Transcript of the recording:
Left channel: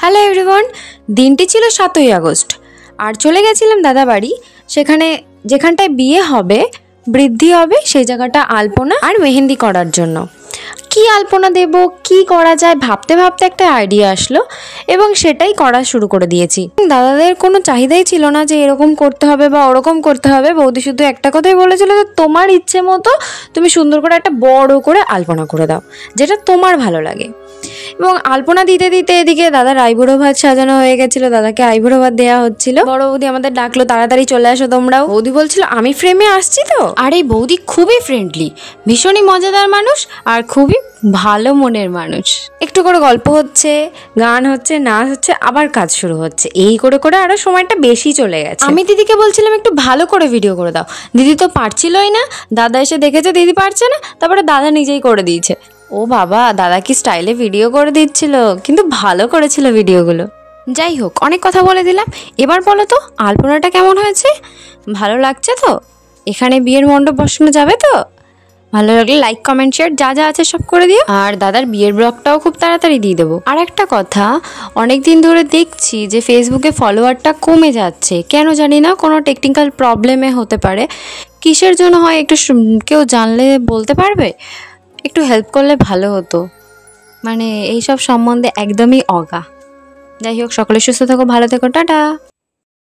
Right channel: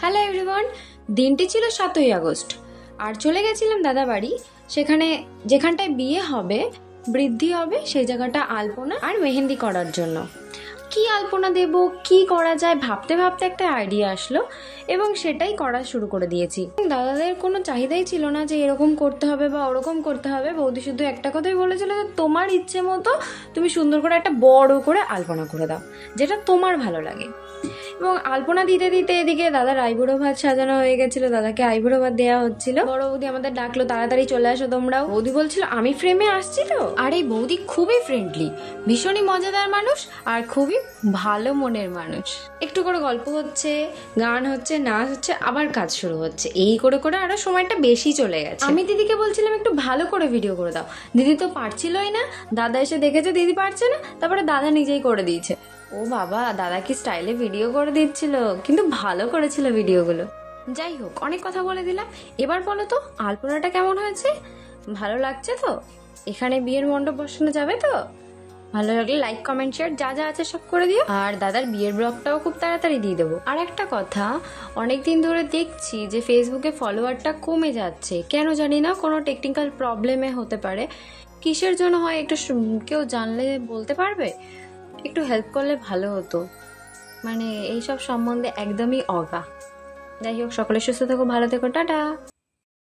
Hello everyone, দিনটি ছিল 7ই August আর চলে গেছিলাম দাদা বাড়ি। সেখানে যেখানটায় বিয়ে হবে, বৃদ্ধি হবে, সেই জায়গাটা আলপনা আর মেহেন্দি করার জন্য। কি আলপনা দেব, কি করা যায় ভাবতে ভাবতে একটা আইডিয়া আসলো এবং সেটাই করা শুরু করে দিয়েছি। দাদাদের কোনো চাহিদাই ছিল না যে এরকম করতে হবে বা ওরকম করতে হবে। বৌদি শুধু একটা কথাই বলেছিল যে তোমার ইচ্ছে মতো তুমি সুন্দর করে একটা বড় করে আলপনা করে দাও, যেটা তোমার ভালো লাগে। এবং আলপনা দিতে দিতে এদিকে দাদার আইবুড়ো ভাত সাজানো হয়ে গেছিল, দাদাকে আইবুড়ো ভাত দেওয়া হচ্ছিল। বড় বৌদি আমাদের ডাকলো, তাড়াতাড়ি চলে আসো তোমরাও। বৌদি বলছিল আমি ফ্রেমে আসছি তো। আর এই বৌদি খুবই ফ্রেন্ডলি, ভীষণই মজাদার মানুষ আর খুবই ভালো মনের মানুষ। একটু করে গল্প হচ্ছে, গান হচ্ছে, নাচ হচ্ছে, আবার কাজ শুরু হচ্ছে। এই করে করে আরো সময়টা বেশি চলে গেছে। আমি দিদিকে বলছিলাম একটু ভালো করে ভিডিও করে দাও, দিদি তো পারছিলই না। দাদা এসে দেখেছে দিদি পারছে না, তারপরে দাদা নিজেই করে দিয়েছে। ও বাবা, দাদা কি স্টাইলে ভিডিও করে দিচ্ছিল, কিন্তু ভালো করেছিল ভিডিওগুলো। যাই হোক, অনেক কথা বলে দিলাম। এবার বলো তো আলপনাটা কেমন হয়েছে? ভালো লাগছে তো? এখানে বিয়ের মণ্ডপ বসানো যাবে তো? ভালো লাগলে লাইক, কমেন্ট, শেয়ার যা যা আছে সব করে দিও। আর দাদার বিয়ের ব্লগটাও খুব তাড়াতাড়ি দিয়ে দেবো। আর একটা কথা, অনেক দিন ধরে দেখছি যে ফেসবুকে ফলোয়ারটা কমে যাচ্ছে, কেন জানি না, কোনো টেকনিক্যাল প্রবলেমে হতে পারে। কিসের জন্য হয় একটু কেউ জানলে বলতে পারবে? একটু হেল্প করলে ভালো হতো, মানে এইসব সম্বন্ধে একদমই অগা। যাই হোক, সকলে সুস্থ থাকো, ভালো থেকো, টাটা।